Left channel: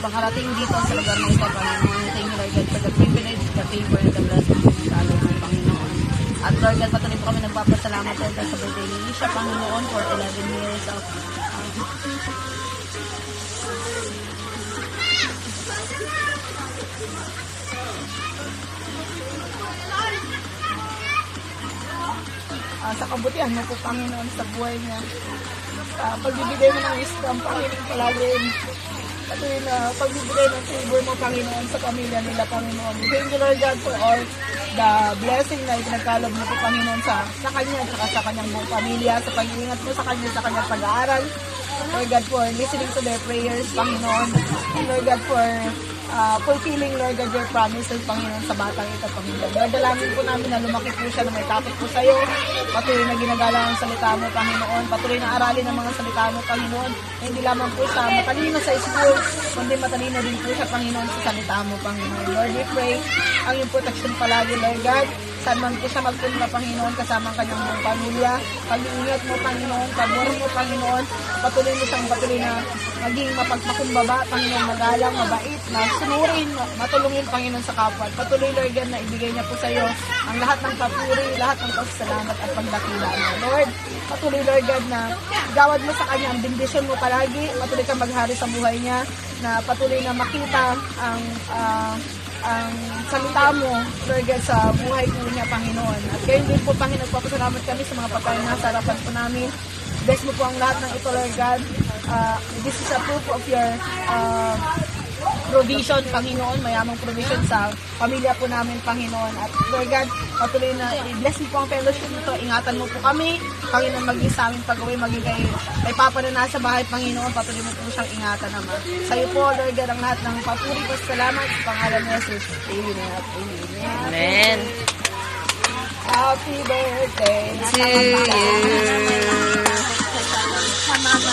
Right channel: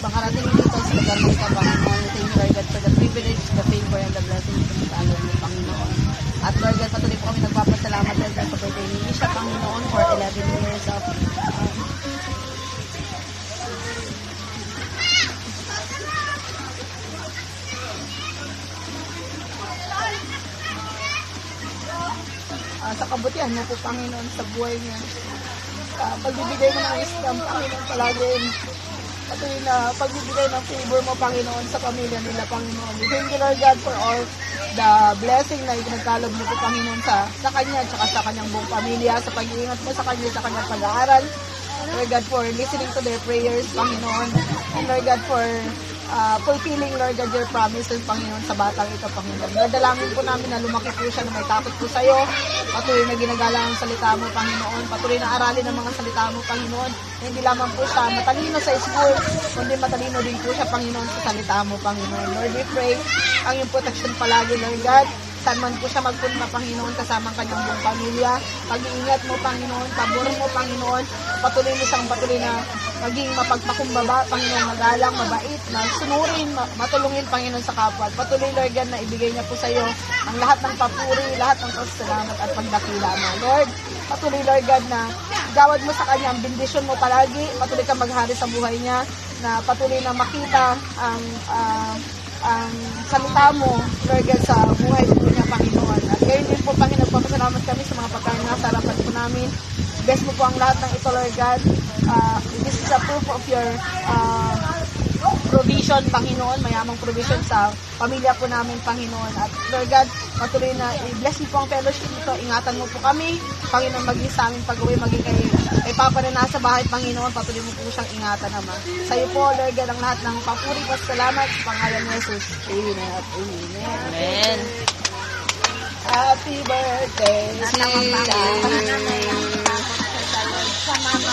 makarating dito sa lugar na ito, Panginoon. Thank you, Lord God, for the privilege, the favor, and the blessing na talo mo, Panginoon. At Lord God, patuloy po kami nagpapasalamat Lord God, sa birthday ni Isha, Panginoon, for 11 years of sa kabutihan mo po, Panginoon, sa buhay niya. Pagbibigay mo ng wisdom, Panginoon, palagi. Patuloy na pagbibigay ng favor mo, Panginoon, sa pamilya nila, Panginoon. Thank you, Lord God, for all the blessing na itinagkalog mo po, Panginoon, sa kanya at sa kanyang buong pamilya, sa pag-iingat mo sa kanya, sa kanyang pag-aaral. Lord God, for listening to their prayers, Panginoon. And Lord God, for fulfilling, Lord God, your promises, Panginoon, sa batang ito, Panginoon. Nadalangin po namin na lumaki po siya, na may takot po sa iyo. Patuloy na ginagala ang salita mo, Panginoon. Patuloy na aralin ang mga salita mo, Panginoon. Hindi lamang po siya matalino sa school, kundi matalino din po siya, Panginoon, sa salita mo, Panginoon. Lord, we pray ang iyong protection palagi, Lord God. Saan man po siya magpunta, Panginoon, kasama ang kanyang buong pamilya. Pag-iingat mo, Panginoon, pabor mo, Panginoon. Patuloy mo siyang patuloy na maging mapagpakumbaba, Panginoon, magalang, mabait, na sunurin, matulungin, Panginoon, sa kapwa. Patuloy, Lord God, na ibigay niya po sa iyo ang lahat ng papuri, lahat ng pasasalamat at pagdakila mo. Lord, patuloy, Lord God, na gawad mo sa kanya ang bendisyon mo palagi. Patuloy ka maghari sa buhay niya, na patuloy na makita ang salita mo, Lord God, sa buhay po niya, Panginoon. At gayon din po, Panginoon, nagpapasalamat kami sa mga pagkain na sa harapan po namin. Bless mo po ang lahat ng ito, Lord God. This is a proof of your provision, Panginoon, mayamang provision sa pamilya po namin, Panginoon. At Lord God, patuloy na i-bless mo po ang fellowship nito. Ingatan mo po kami, Panginoon, maging sa aming pag-uwi, maging kay Papa na nasa bahay, Panginoon, patuloy mo po siyang ingatan naman. Sa iyo po, Lord God, ang lahat ng papuri at salamat sa pangalan ni Jesus. Amen at amen. Amen. Happy birthday to